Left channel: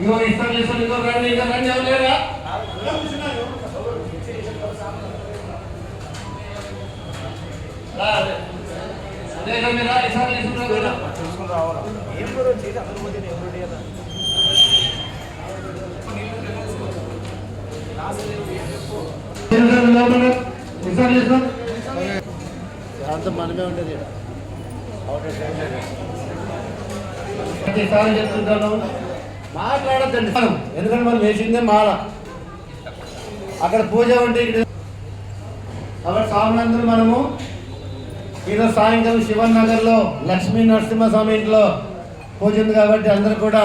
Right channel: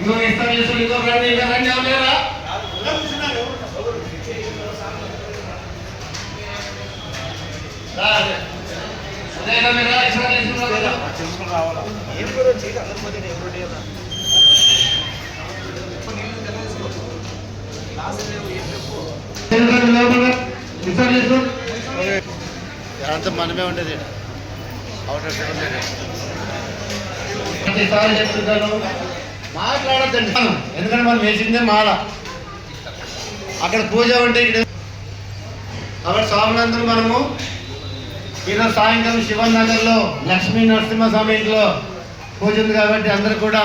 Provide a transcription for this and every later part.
ఇంకో ఇస్తారు ఇస్తారు ఇంకో రండి ఇంకా రండి ఎవరు లేరా. అంతా మనమే ఉండేది. ప్రతిసారి చెప్తుంటాను మాట్లాడద్దండి. ఎందుకంటే మనం వేసిందే మాల. అక్కడ పూజ ఉంటే ఇక్కడ అక్కడ స్వామినందులు మనము ఈరోజు సాయంకాలం శివన్ నగర్లో లక్ష్మీ నరసింహస్వామి ఇంట్లో పూజ ఉంది కాబట్టి అందరూ కూడా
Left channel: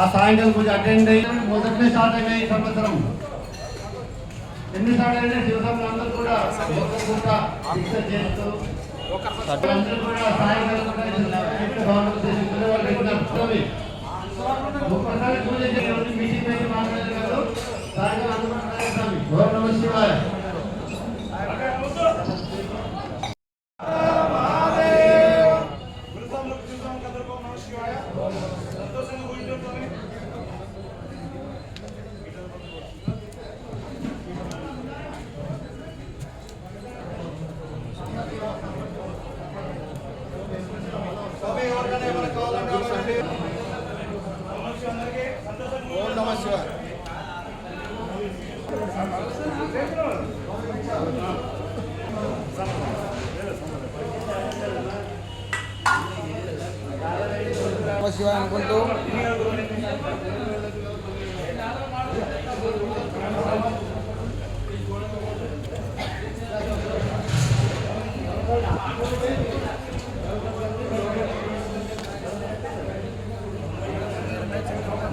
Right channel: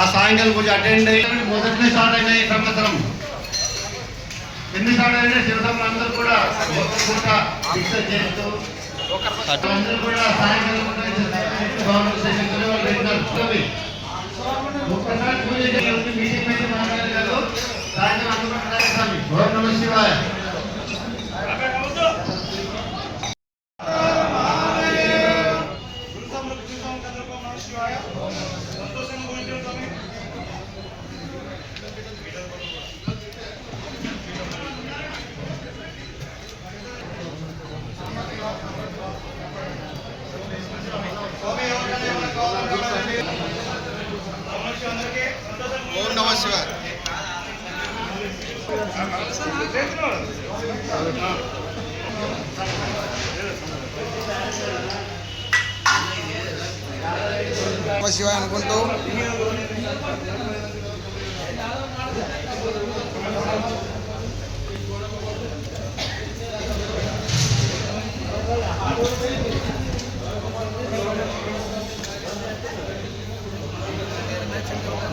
ఆ సాయంకాలం పూజ అటెండ్ అయ్యి మొదటి స్టార్ట్ అయిన ఈ సంవత్సరం. ఎన్ని స్టార్ట్ అయినా శివస్వామి అందరూ కూడా ఒక్క పూట దీక్ష చేస్తూ అందరూ కూడా సాయంకాలం పూట ఇంట్లో భవనం చేసేసుకునే వాళ్ళు పెట్టినారు చూడండి. ఒక్కసారి పూజ చేయాలని మీటింగ్ మీద మాట్లాడగలరు సాయంకాలం అందరూ కూడా స్వామి ఓం నమ శివాయ ఓం నమ శివాయ నమ శివాయ అనుకుంటూ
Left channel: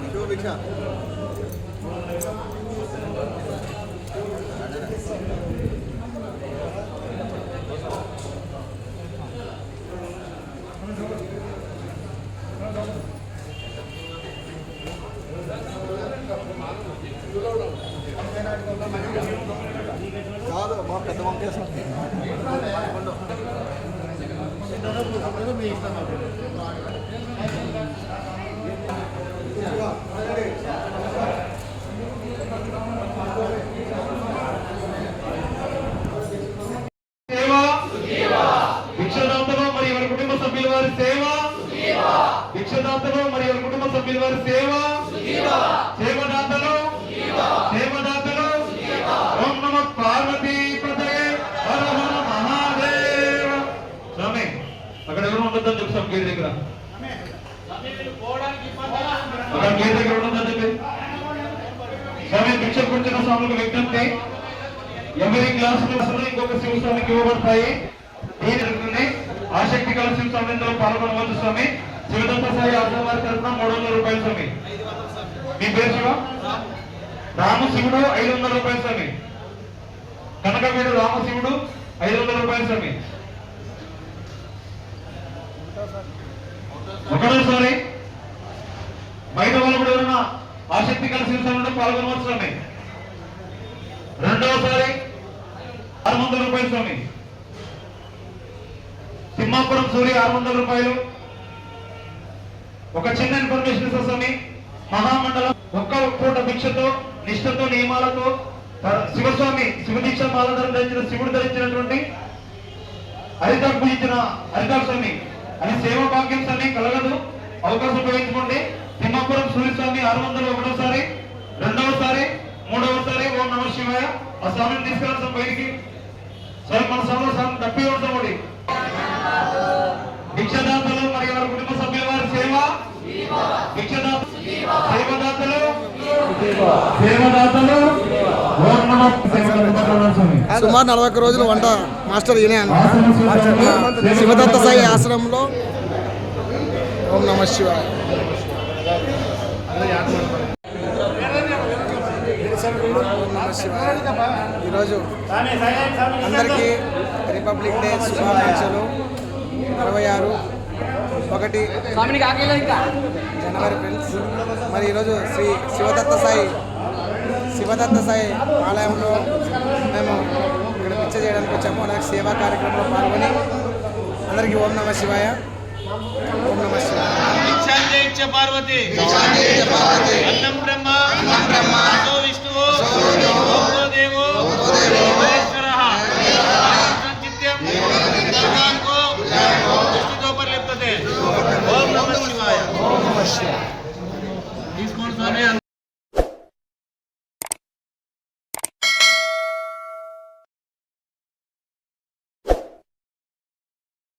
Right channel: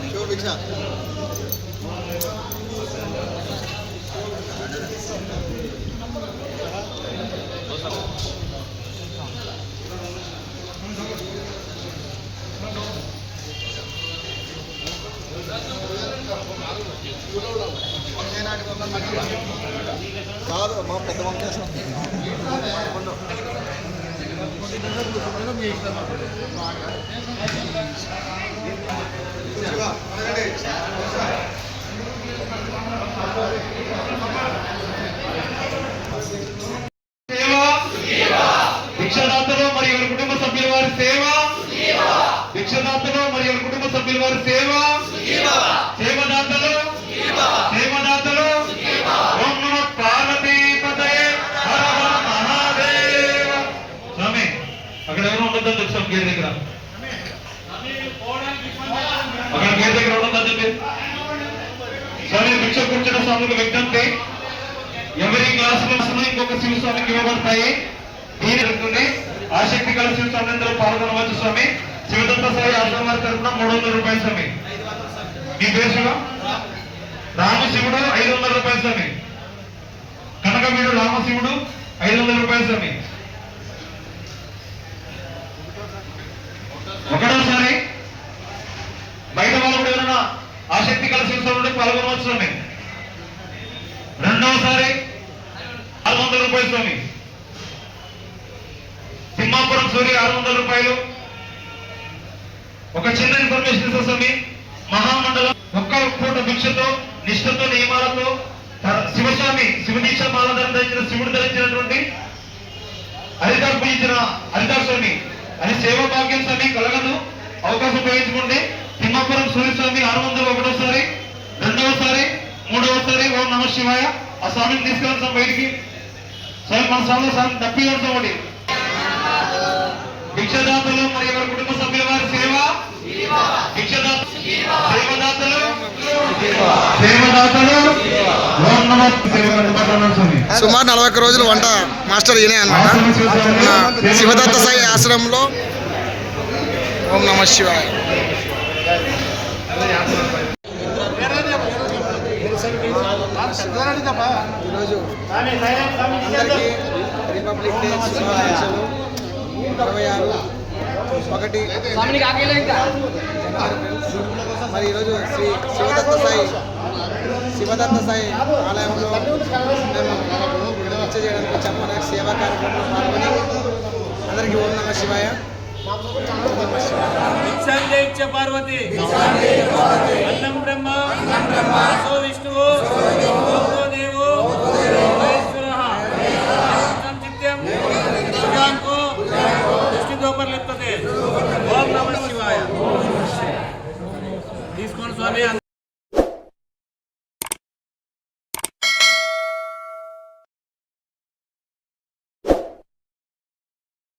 శివభిక్ష కాదు మా పెద్ద వంకేశ్వరం సేవ భిక్షదాతలు మరియు ఎవరి కుటుంబ సభ్యుల వారి సేవ? భిక్షదాతలు మరియు ఎవరి కుటుంబ సభ్యుల వారి సేవ? సేవదాతలు సేవదాతలు ఓం నమ పార్వతీ హర హర మహాదేవ. స్వామి అక్కడ ఎవరు ఉండొద్దని గేట్ దగ్గర? అక్కడ గేట్ దగ్గర ఉండొద్దని చెప్పి స్వామి భిక్ష కూర్చున్న స్వామికి విజ్ఞప్తి. ఎవరి క్లాసులు ఇంకొక శివస్వామికి ఇవ్వబడతాయి. దీని అనుకుని ఆసక్తి కల శివస్వామిలో పాల్గొనవచ్చు స్వామి. శివదత్త సాయి ఆశ్రమం గారి తరఫున మూడు వందల రూపాయలు స్వామి. మీ దేశంలో రామ రామశివుడు ఐదు వందల రూపాయలు స్వామి. మీరు రామశివుడు ఐదు వందల రూపాయలు స్వామి. ఒకటోసారి బయట వాళ్ళు కూడా ఎవరైనా ఆసక్తి కల స్వామి పాల్గొనవచ్చు స్వామి. రెండవసారి ఆరు వందల రూపాయలు స్వామి. తిమ్మాపురం సూర్య ఆరు వందల రూపాయలు. ఒక చిన్న ఇన్ఫర్మేషన్ ఇస్తా మహామండలం ఒక్క పూట భిక్షతో నిష్ఠతో నియమాలతో శివస్వామి శివదీక్ష మాలధర ధరించిన శివుడు ధరించినటువంటి హరిదాస్ పూజించిన హరిదాస్ స్వామి. అని సేవా భాగ్యం స్వామి కలగదు. అవకాశం ఉపయోగించుకోండి తిమ్మాపురం సూర్యస్వామి ఆరు వందల ఒకటోసారి రెండవసారి మూడవసారి ఓం నమ శివాయ. ఆ స్వామిని తీసుకెళ్ళాం స్వామి బయటికి. స్వామి మన స్వామిలో స్వామి తప్పి ఒకటి భిక్షదాతలు మరియు వారి కుటుంబ సభ్యుల వారి? సేవ? సేవదాతలు? సుమారు నలభై ఒక్క రోజులు వంట మాస్టర్ ఈయనే అనమాట శివదత్త సాయి. ఆశ్రమంలో ఓం నమ శివాయ. ఈరోజు అందరికీ రిపబ్లిక్ డే శుభాకాంక్షలు. ఇరవై ఆరు ఒకటి. మరి ఈరోజు శ్రీ శివదత్త సాయి శివదత్త సాయి ఆలయంలో మేము పూజ చేయడానికి వచ్చాము. నాకు సేవా కార్యక్రమంలో పాల్గొని అందరికీ ఓం నమ శివాయ. భిక్షాందేచ్చ పార్వతి. అన్నం బ్రహ్మ అసో